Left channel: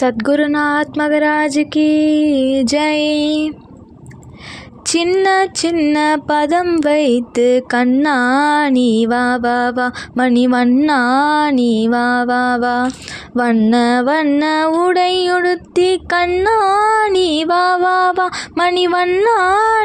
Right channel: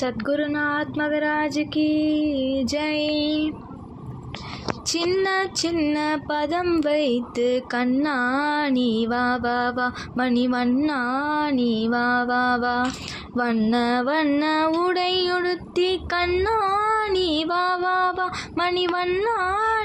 சத்குருநாத் மகராஜ் கி ஜெய் சின்ன சின்ன பதம் வைத்து கண்ணா நீ வா வா வா. மணிவண்ணா நீ வா வா வா. வண்ண வண்ண உடையுடுத்தி கண்ணா நீ வா வா மணிவண்ணா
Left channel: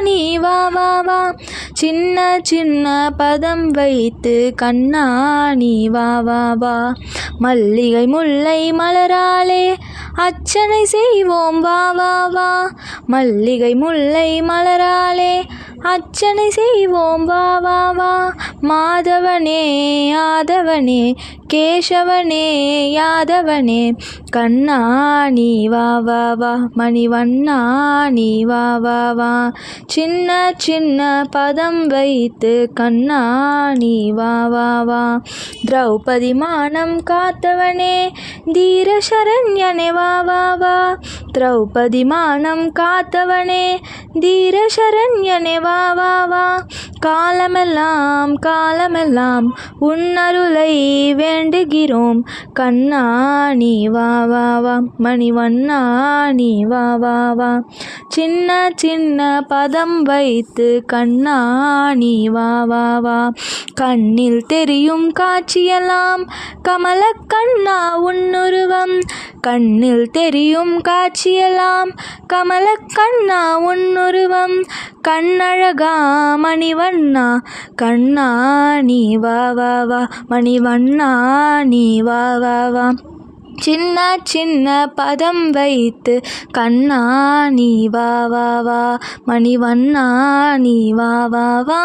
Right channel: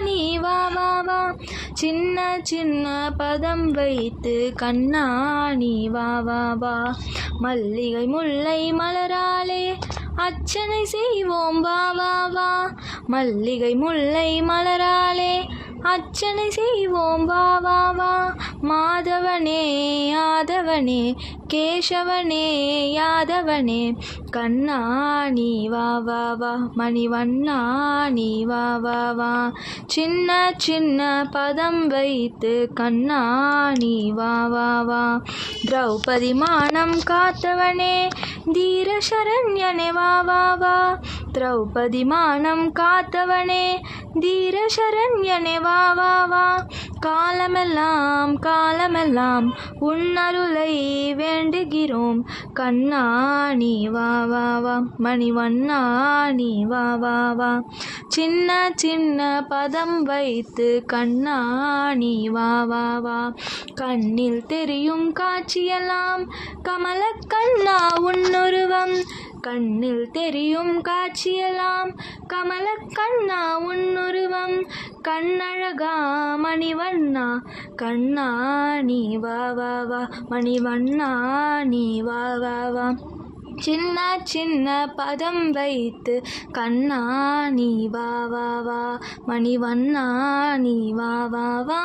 நீ வா வா வா. சின்ன சின்ன பதம் வைத்து கண்ணா நீ வா வா வா. மல்லிகை முல்லை மலராலே அச்சனை செய்வோம் வா வா வா. மல்லிகை முல்லை மலராலே அச்சனை செய்வோம் வா வா வா. மாதவனே யாதவனே கேசவனே யாதவனே. கண்ணா நீ வா வா வா. மணிவண்ணா நீ வா வா வா. சின்ன சின்ன பதம் வைத்து கண்ணா நீ வா வா வா. திரௌபதி மானம் காத்தவனே தீர சரண்யனே வா வா வா. திரௌபதி மானம் காத்தவனே தீர சரண்யனே வா வா வா. காலமெல்லாம் காலமெல்லாம் உன்னருளை வேண்டுகிறோம். கண்ணா நீ வா வா வா. மணிவண்ணா நீ வா வா வா. சின்ன சின்ன பதம் வைத்து கண்ணா நீ வா வா வா. கண்ணில் தெரியும் காட்சியெல்லாம் கமல கண்ணா உன்னுருவம். கண்ணில் தெரியும் காட்சியெல்லாம் கமல கண்ணா உன்னுருவம். கண்ணழகா மணிவண்ணா கண்ணா நீ வா வா வா. மணிவண்ணா நீ வா வா வா. சின்ன சின்ன பதம் வைத்து கண்ணா நீ வா வா வா. மணிவண்ணா நீ வா வா வா.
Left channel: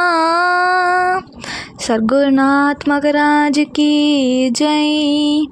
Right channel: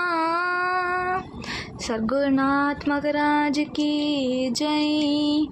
சர்க்குநாத் மகராஜ் கி ஜெய்.